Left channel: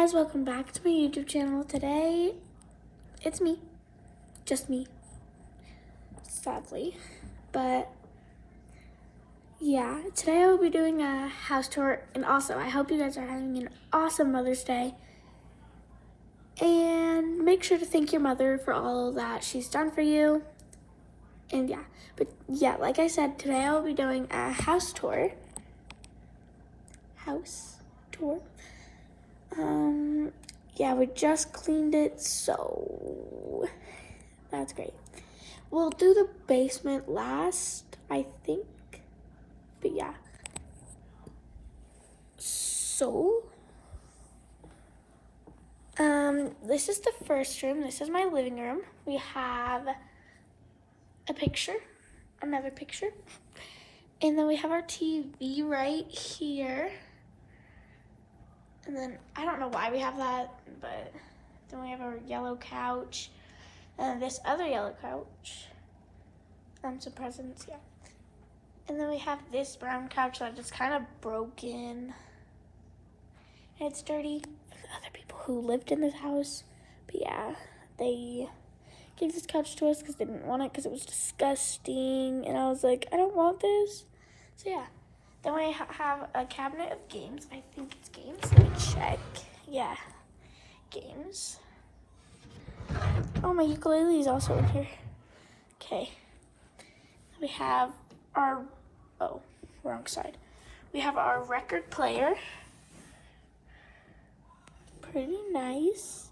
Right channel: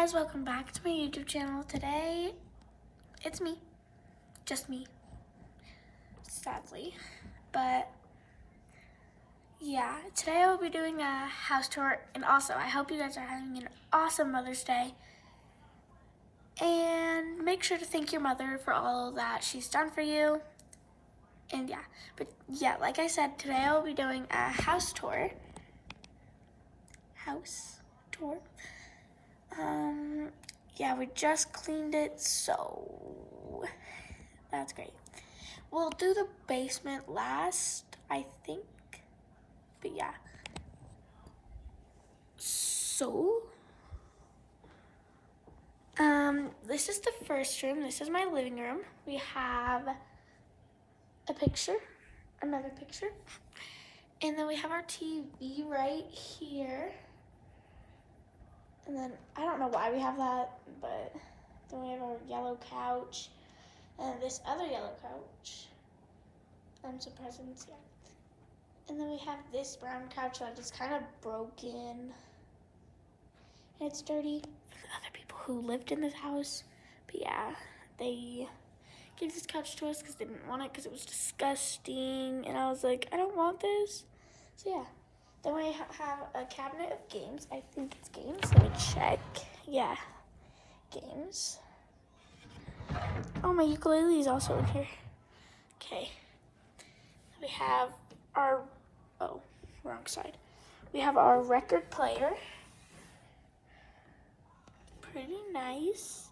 guys, welcome back to my YouTube channel. Today, it's me, just me, sadly, but yeah, today I will be doing a house tour, and also I hope you guys are having an awesome Mother's Day, and make sure to thank your mother for all that she's done for you, and yeah, like I said, today I will be doing a house tour. Yeah, we just cleaned it, so that's great. We'll do the basement last, I think, but yeah. So, this is the first room. This is my living room. We have a picture, another picture, and then we have our TV right here. And then, I don't know why we have that, but then we have our yellow couch, and this other yellow couch, and some presents, yeah. And then we have this brown couch that is kind of broken, and it's dirty. Other people who lived in this house, but yeah, they gave this couch to us because they didn't want it because it was disgusting, and I was like, I don't want this, so yeah. Then we have a cabinet of games. I think it's games. Let me check. Yeah, games. Oh, my ukulele is also in here. Okay. We have our, oh, wrong side. We have our record player. Pretty nice.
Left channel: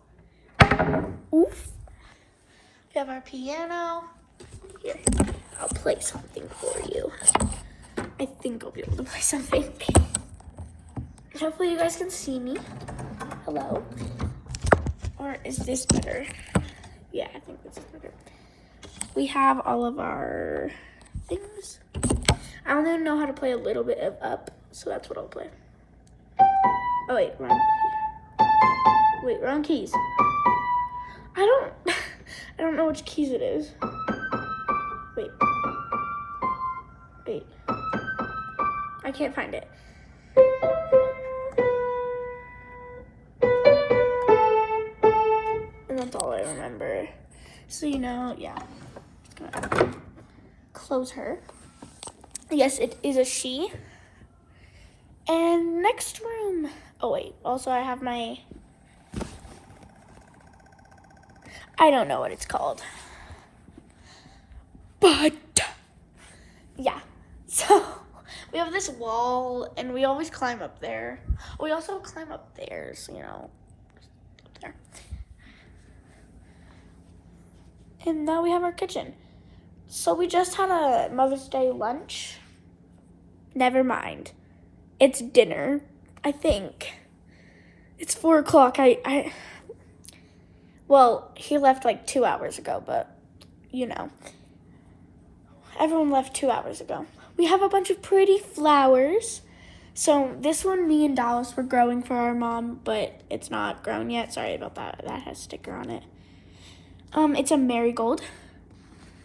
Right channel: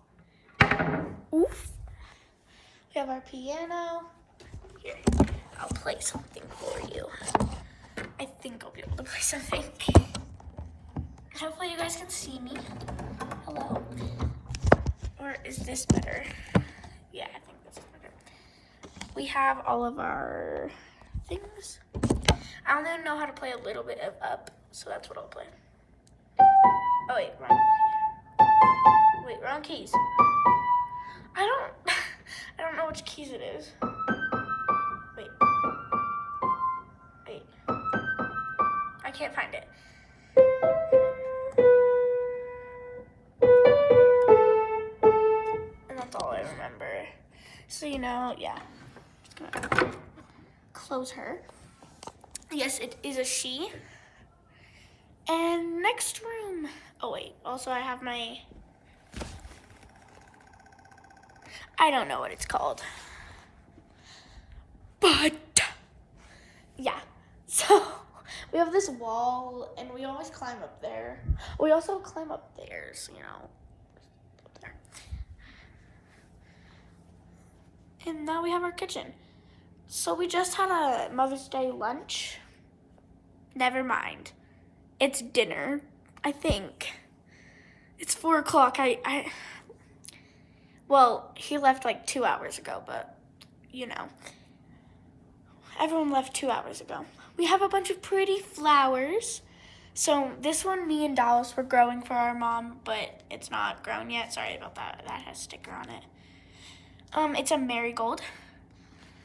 Oof. We have our piano. Here, I'll play something for you. I think I'll be able to play something. Hopefully you guys can see me. Hello. Or is this better? Yeah, I think this is better. We have all of our things. I only know how to play a little bit of Up, so that's what I'll play. Oh wait, wrong key. Wait, wrong keys. I don't know which keys it is. Wait. I can't find it. And that's all I remember. So, yeah. Just gonna close her. Yes, it is a she. And next room. Oh, wait. Also, I have my... I don't know what it's called. But, yeah. So, we have this wall, and we always climb up there. We also climb up there, so, up there. And now we have our kitchen. So we just had a Mother's Day lunch. Never mind. It's dinner, I think. It's 4 o'clock. Well, he left like 2 hours ago, but everyone left 2 hours ago. We have a bunch of pretty flowers. So this one, me and Dallas were growing for our mom, but it's not grown yet. Sorry about that. That has a sticker on it. It's a marigold.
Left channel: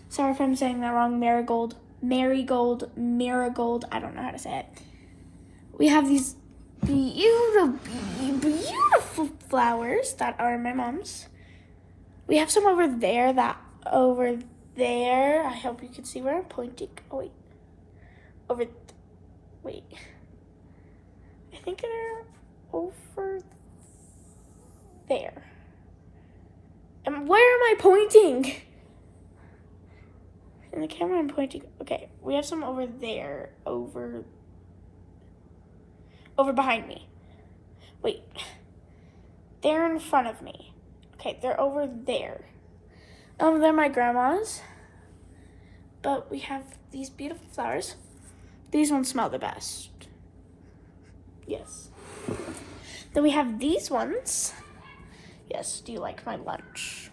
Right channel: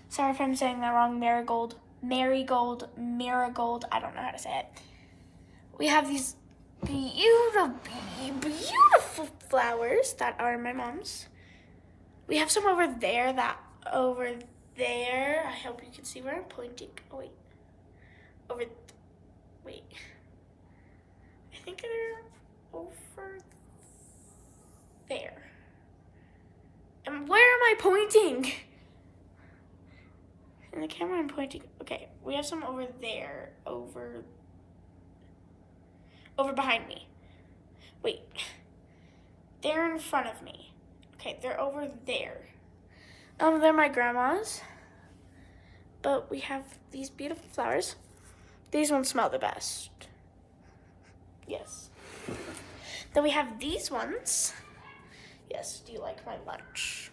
Sorry if I'm saying that wrong. Marigold. I don't know how to say it. We have these beautiful flowers that are my mom's. We have some over there, I hope you can see where I'm pointing. Oh, wait. Wait. I think they're over there. And where am I pointing? In the camera, I'm pointing. Okay, we have some over there, over behind me. Wait, they're in front of me. Okay, they're over there. They're my grandma's. But we have these beautiful flowers. These ones smell the best. Yes. Then we have these ones. Yes, do you like my lunch?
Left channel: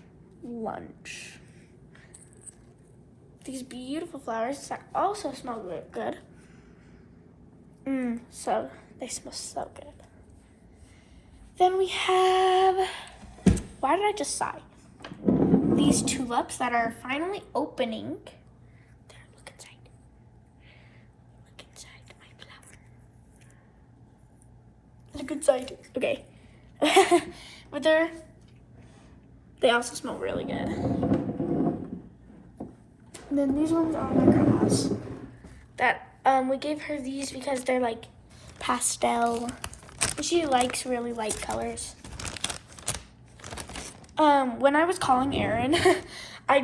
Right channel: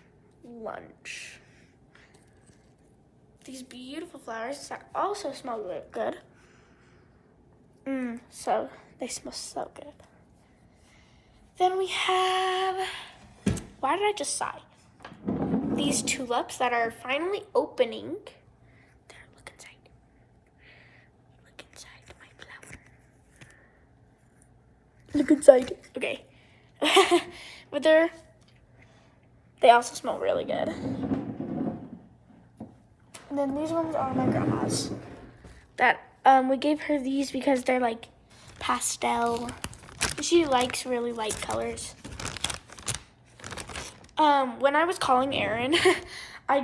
These beautiful flowers that also smell really good. So they smell so good. Then we have, why did I just sigh? These tulips that are finally opening. Look inside my flower. Look inside. Okay. But they also smell really good. And then these ones are my grandma's. That we gave her these because they're like pastel. She likes really light colors. When I was calling Aaron, I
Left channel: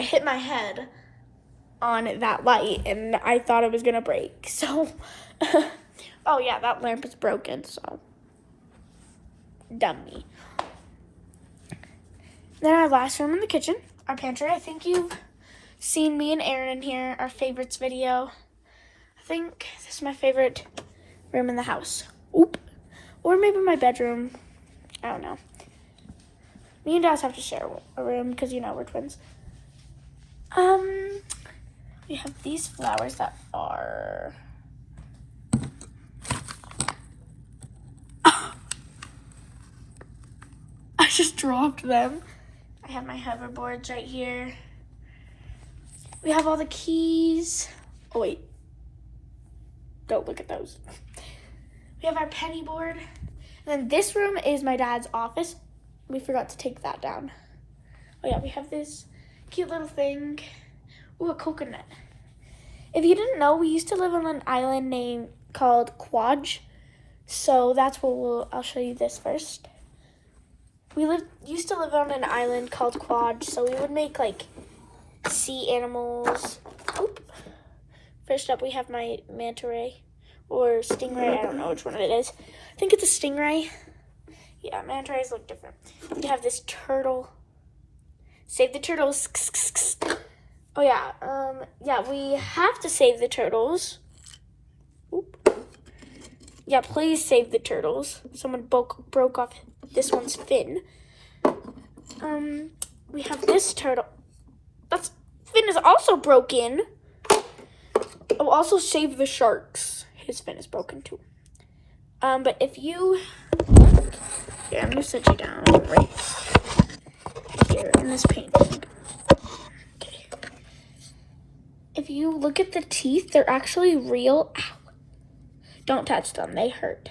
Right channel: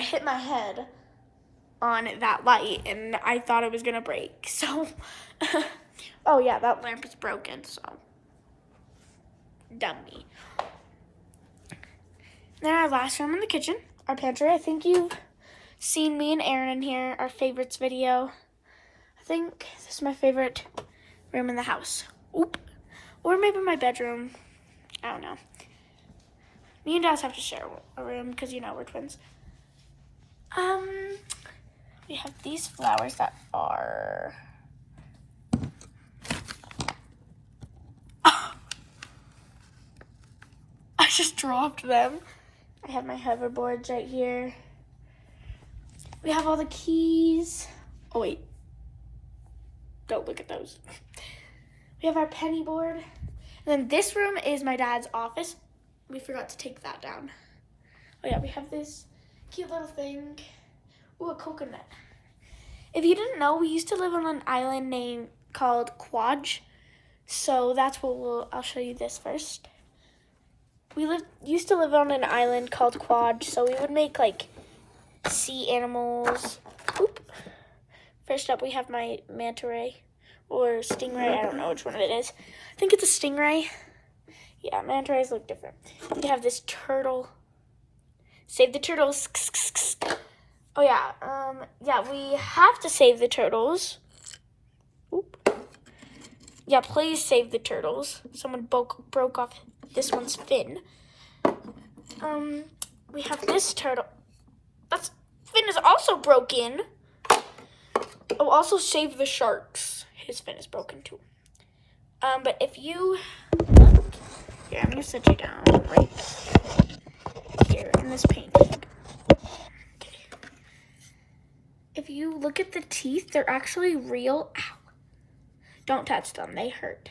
hit my head on that light and I thought it was gonna break. So, oh yeah, that lamp is broken, so dumb me. Then our last room in the kitchen, our pantry. I think you've seen me and Aaron in here, our favorites video. I think this is my favorite room in the house. Oop. Or maybe my bedroom. I don't know. Me and Dad have to share a room because, you know, we're twins. We have these flowers that are... I just dropped them. I have my hoverboards right here. We have all the keys. Oh, wait. Don't look at those. We have our penny board. And then this room is my dad's office. We forgot to take that down. Oh, yeah, we have this cute little thing. Ooh, a coconut. If you didn't know, we used to live on an island called Quadj. So that's what I'll show you this first. We used to live on an island called Quadj, so we would make like sea animals. Oop. First up, we have my manta ray or stingray. I don't know which one it is. I think it's a stingray. Yeah, manta rays look different. We have this turtle. Save the turtles. Oh yeah, yeah, we have to save the turtles. Oop. Yeah, please save the turtles. Someone broke off this one's fin. We have this turtle. That's fin is also broken. Oh, also save the sharks. His fin is broken too. But if you, yeah, I'm gonna set you down right here in this painting. Okay. If you look at the teeth, they're actually real. Ow. Don't touch them, they hurt.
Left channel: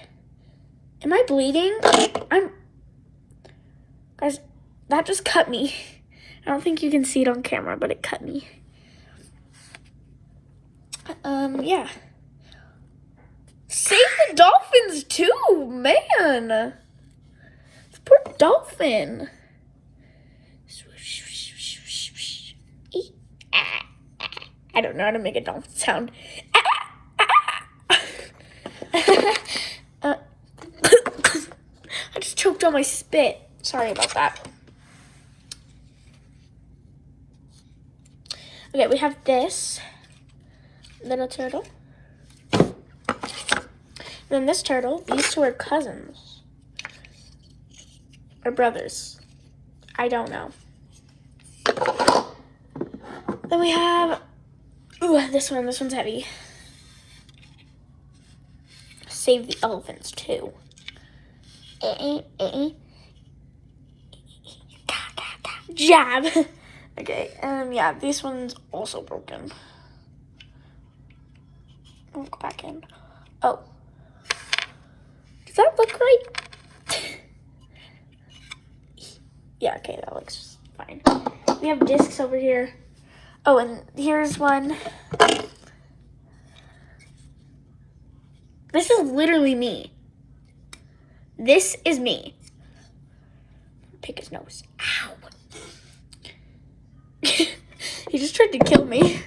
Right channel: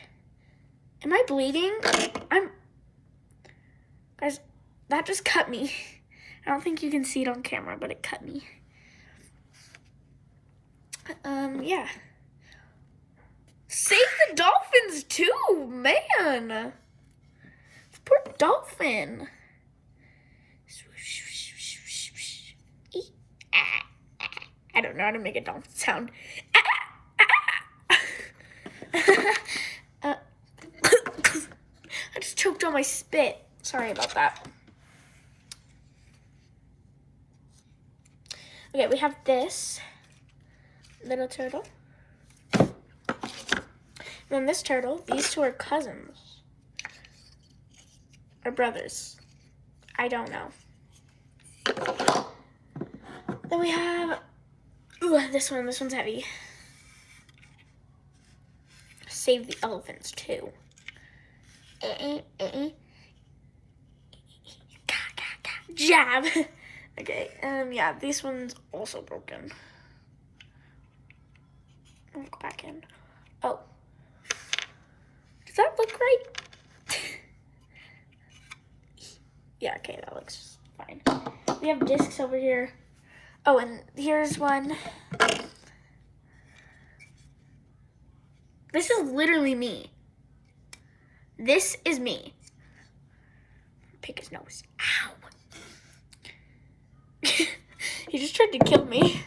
Am I bleeding? Guys, that just cut me. I don't think you can see it on camera, but it cut me. Yeah. Save the dolphins too, man. Poor dolphin. I don't know how to make a dolphin sound. I just choked on my spit. Sorry about that. Okay, we have this little turtle. And then this turtle, these two are cousins. Or brothers. I don't know. Then we have, ooh, this one's heavy. Save the elephants too. Jab. Okay, yeah, this one's also broken. I'll go back in. Oh. Does that look right? Yeah, okay, that looks fine. We have discs over here. Oh, and here's one. This is literally me. This is me. Pick his nose. Ow. He just tried to kill me.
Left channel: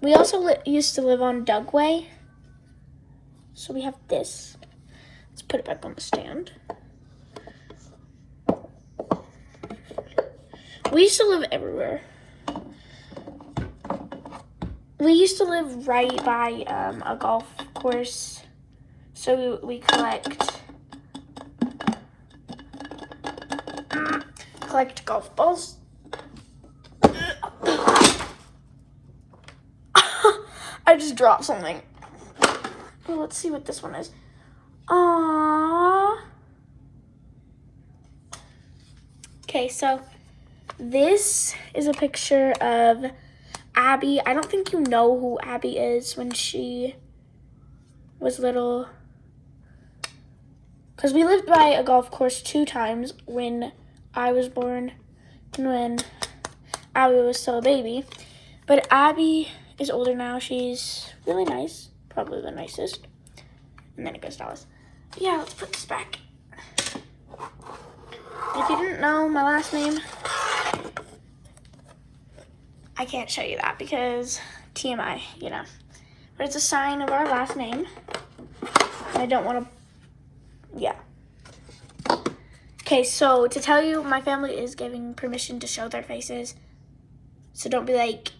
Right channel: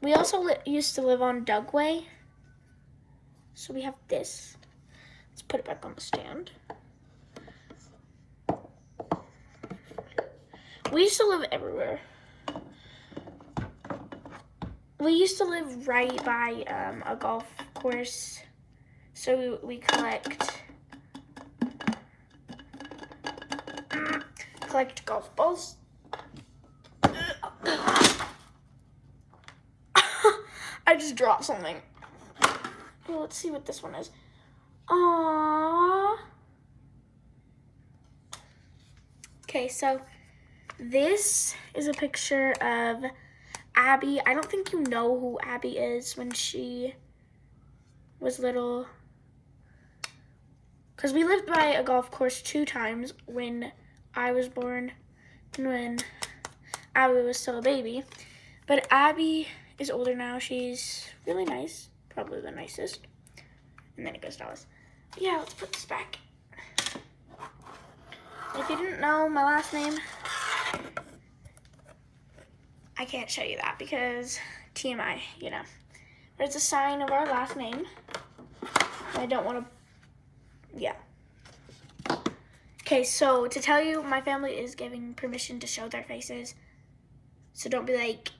We also used to live on Dugway. So we have this. Let's put it back on the stand. We used to live everywhere. We used to live right by a golf course. So we collect golf balls. I just dropped something. Well, let's see what this one is. Aww. Okay, so this is a picture of Abby. I don't think you know who Abby is when she was little. because we lived by a golf course 2 times when I was born and when Abby was still a baby. But Abby is older now. She's really nice, probably the nicest. And then it goes Dallas. Yeah, let's put this back. If you didn't know my last name, I can't show you that because TMI, you know. But it's a sign of our last name. And I don't want to, yeah. Okay, so to tell you, my family is giving permission to show their faces. So don't be like,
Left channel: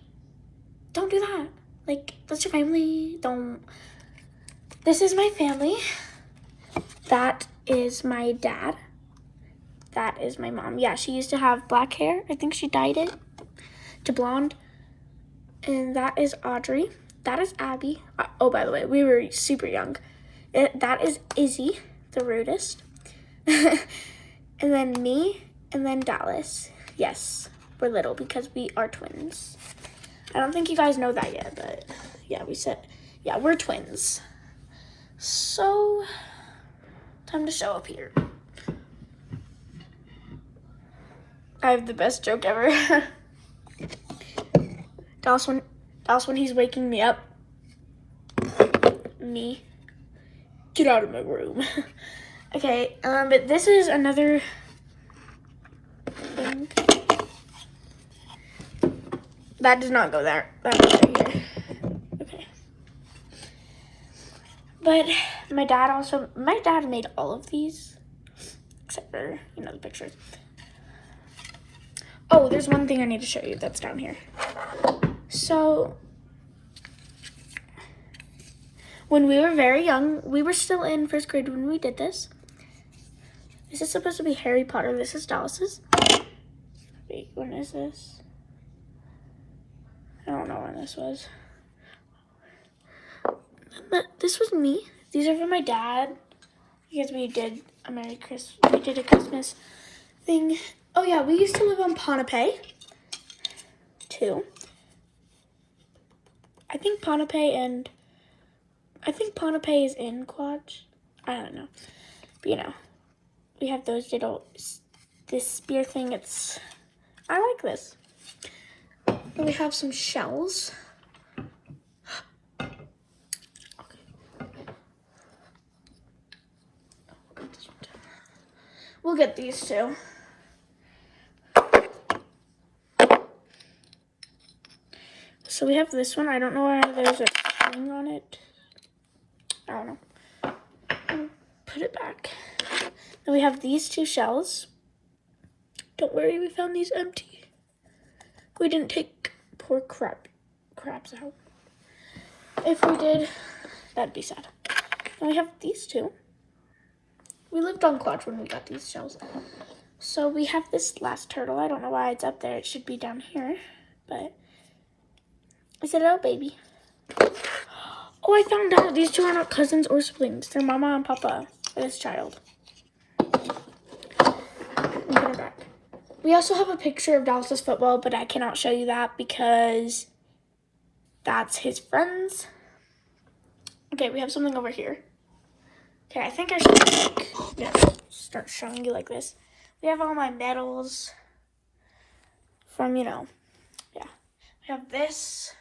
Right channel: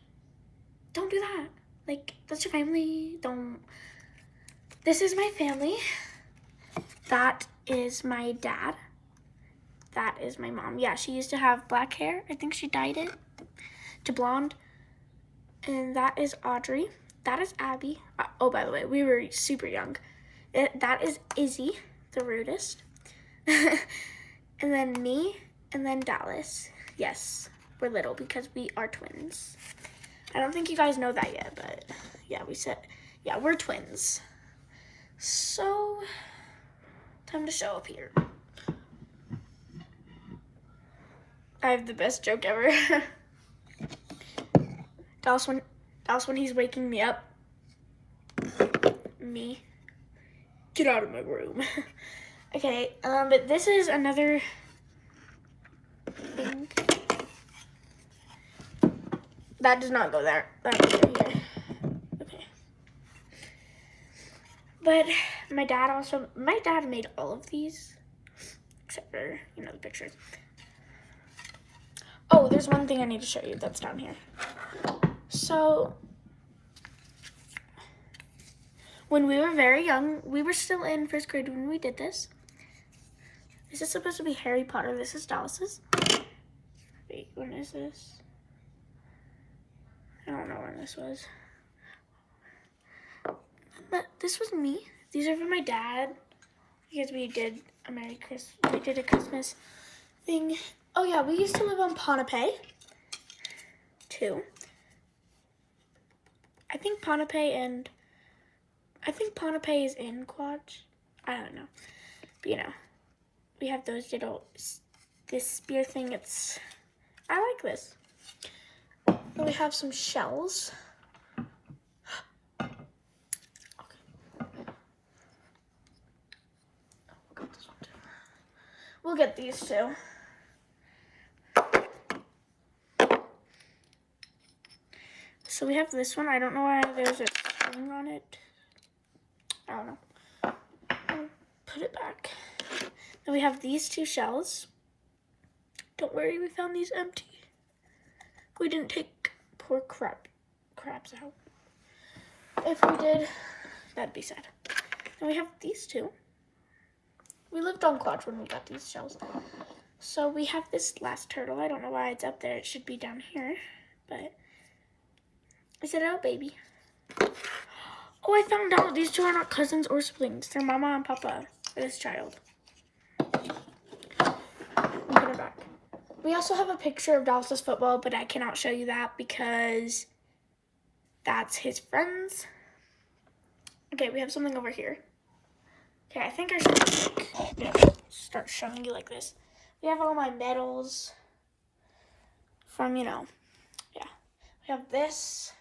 don't do that. Like, that's your family. Don't. This is my family. That is my dad. That is my mom. Yeah, she used to have black hair. I think she dyed it to blonde. And that is Audrey. That is Abby. Oh, by the way, we were super young. That is Izzy, the rudest. And then me, and then Dallas. Yes, we're little because we are twins. I don't think you guys know that yet, but yeah, yeah, we're twins. So, time to show up here. I have the best joke ever. Dallas when he's waking me up. Me. Get out of my room. Okay, but this is another thing. That does not go there. That goes right here. Okay. But my dad made all of these. Except for, you know, the pictures. Oh, there's one thing I need to show you that's down here. So, when we were very young, we were still in 1st grade when we did this. This is supposed to be Harry Potter. This is Dallas's. Wait, when is this? I don't know when this was. But this was me. These are for my dad. Because we did a Christmas thing. Oh yeah, we used to live on Ponape too. I think Ponape is in Quad. I don't know. But you know, we have those this spear thing. I like this. Then we have some shells. We'll get these too. So we have this one. I don't know why there's a string on it. I don't know. I'll put it back. Then we have these 2 shells. Don't worry, we found these empty. We didn't take poor crabs out. If we did, that'd be sad. Then we have these 2. We lived on Quad when we got these shells. So we have this last turtle. I don't know why it's up there. It should be down here, but I said, oh, baby. Oh, I found out these 2 are not cousins or siblings. They're mama and papa for this child. Put it back. We also have a picture of Dallas's football, but I cannot show you that because that's his friends. Okay, we have something over here. Okay, I think I should start showing you like this. We have all my medals from, you know, yeah. We have this.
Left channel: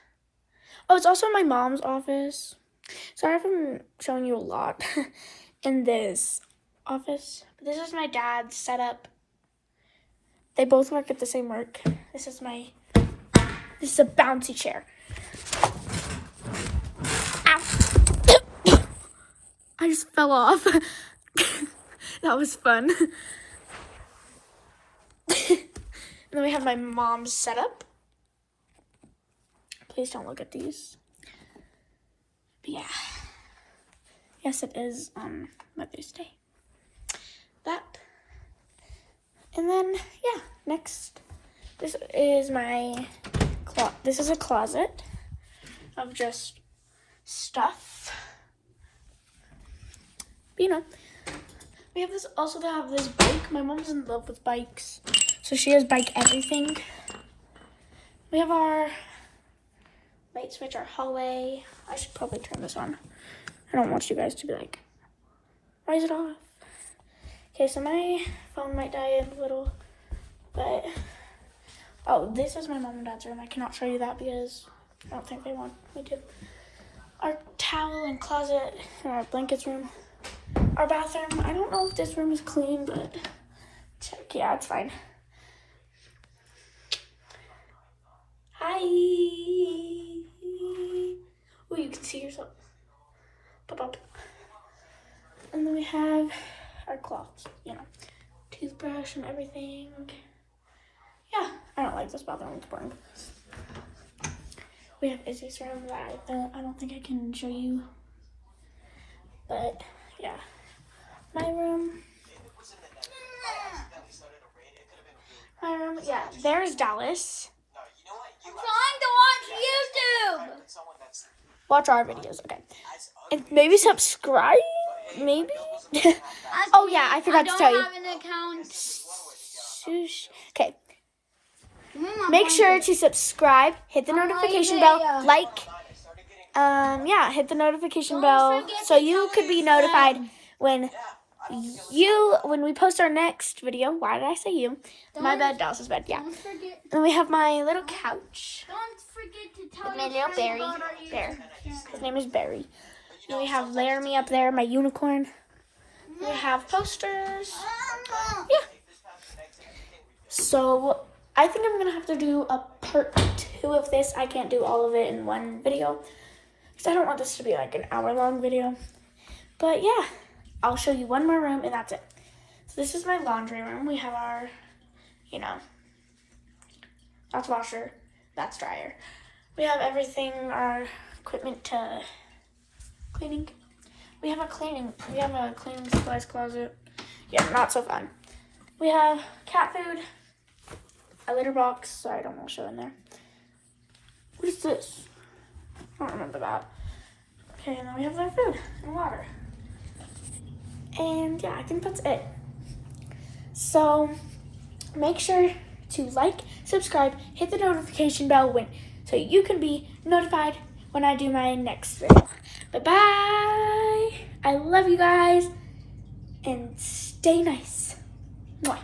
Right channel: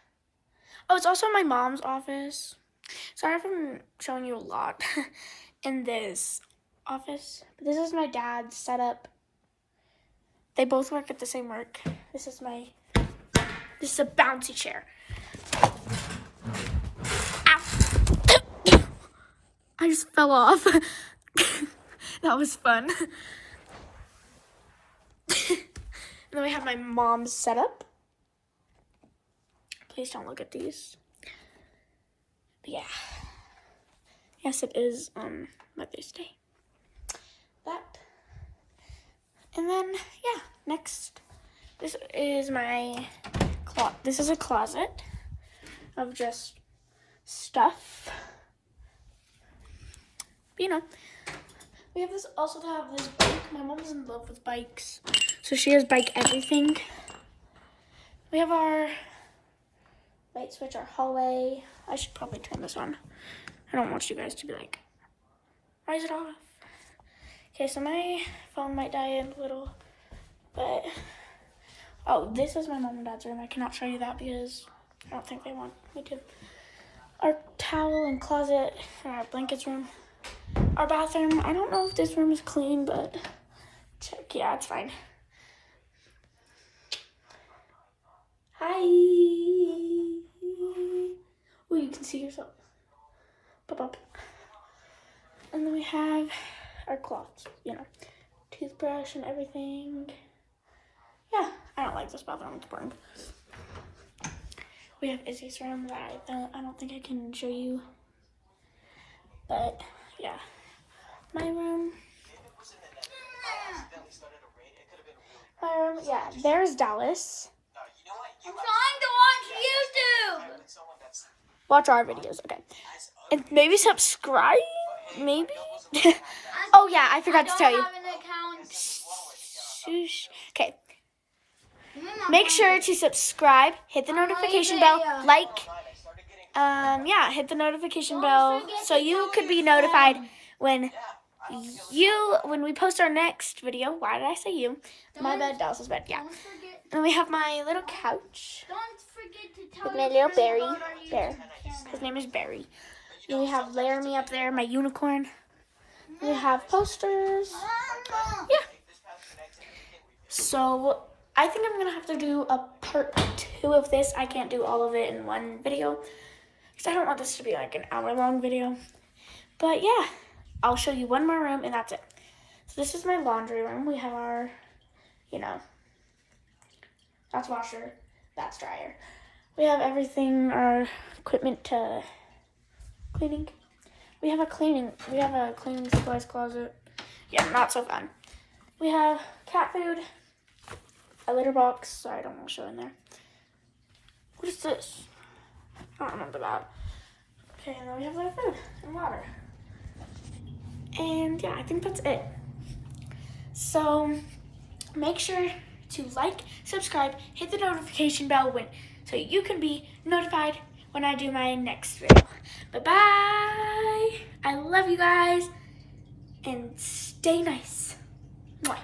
Oh, it's also my mom's office. Sorry if I'm showing you a lot in this office. But this is my dad's setup. They both work at the same work. This is a bouncy chair. Ow. I just fell off. That was fun. And then we have my mom's setup. Please don't look at these. But yeah. Yes, it is Mother's Day. That. And then, yeah, next. This is this is a closet of just stuff. But, you know, we have also have this bike. My mom's in love with bikes, so she has bike everything. We have our light switch, our hallway. I should probably turn this on. I don't want you guys to be like, why is it off? Okay, so my phone might die in a little, but oh, this is my mom and dad's room. I cannot show you that because I don't think they want me to. Our towel and closet and our blankets room. Our bathroom. I don't know if this room is clean, but check. Yeah, it's fine. Hi. Oh, you can see yourself. Pop up. And then we have our cloths, you know, toothbrush and everything. Yeah, I don't like this bathroom. It's boring. We have Izzy's room that I don't think I can show you. But yeah, my room. My room, yeah. There's Dallas. I'm trying to watch YouTube. Watch our videos, okay. And maybe subscribe, maybe? Oh yeah, I forgot to tell you. I don't have an account. Shush. Okay, make sure to subscribe, hit the notification bell, like, yeah, hit the notification bell so you could be notified when we post our next video. Why did I say you? My bed, Dallas's bed, yeah. And we have my little couch. Don't forget to tell With my little Barry. Bear. His name is Barry. And we have Laramie up there, my unicorn. We have posters. Yeah. So I think I'm going to have to do a part 2 of this. I can't do all of it in one video because I don't want this to be like an hour-long video. But yeah, I'll show you one more room and that's it. So this is my laundry room. We have our, you know, that's washer, that's dryer. We have everything, our equipment to cleaning. We have a cleaning supplies closet. Yeah, not so fun. We have cat food, a litter box. Sorry, I don't want to show in there. What is this? I don't remember that. Okay, and then we have our food and water. And yeah, I think that's it. So make sure to like, subscribe, hit the notification bell so you can be notified when I do my next video. Bye-bye. I love you guys. And stay nice. Mwah.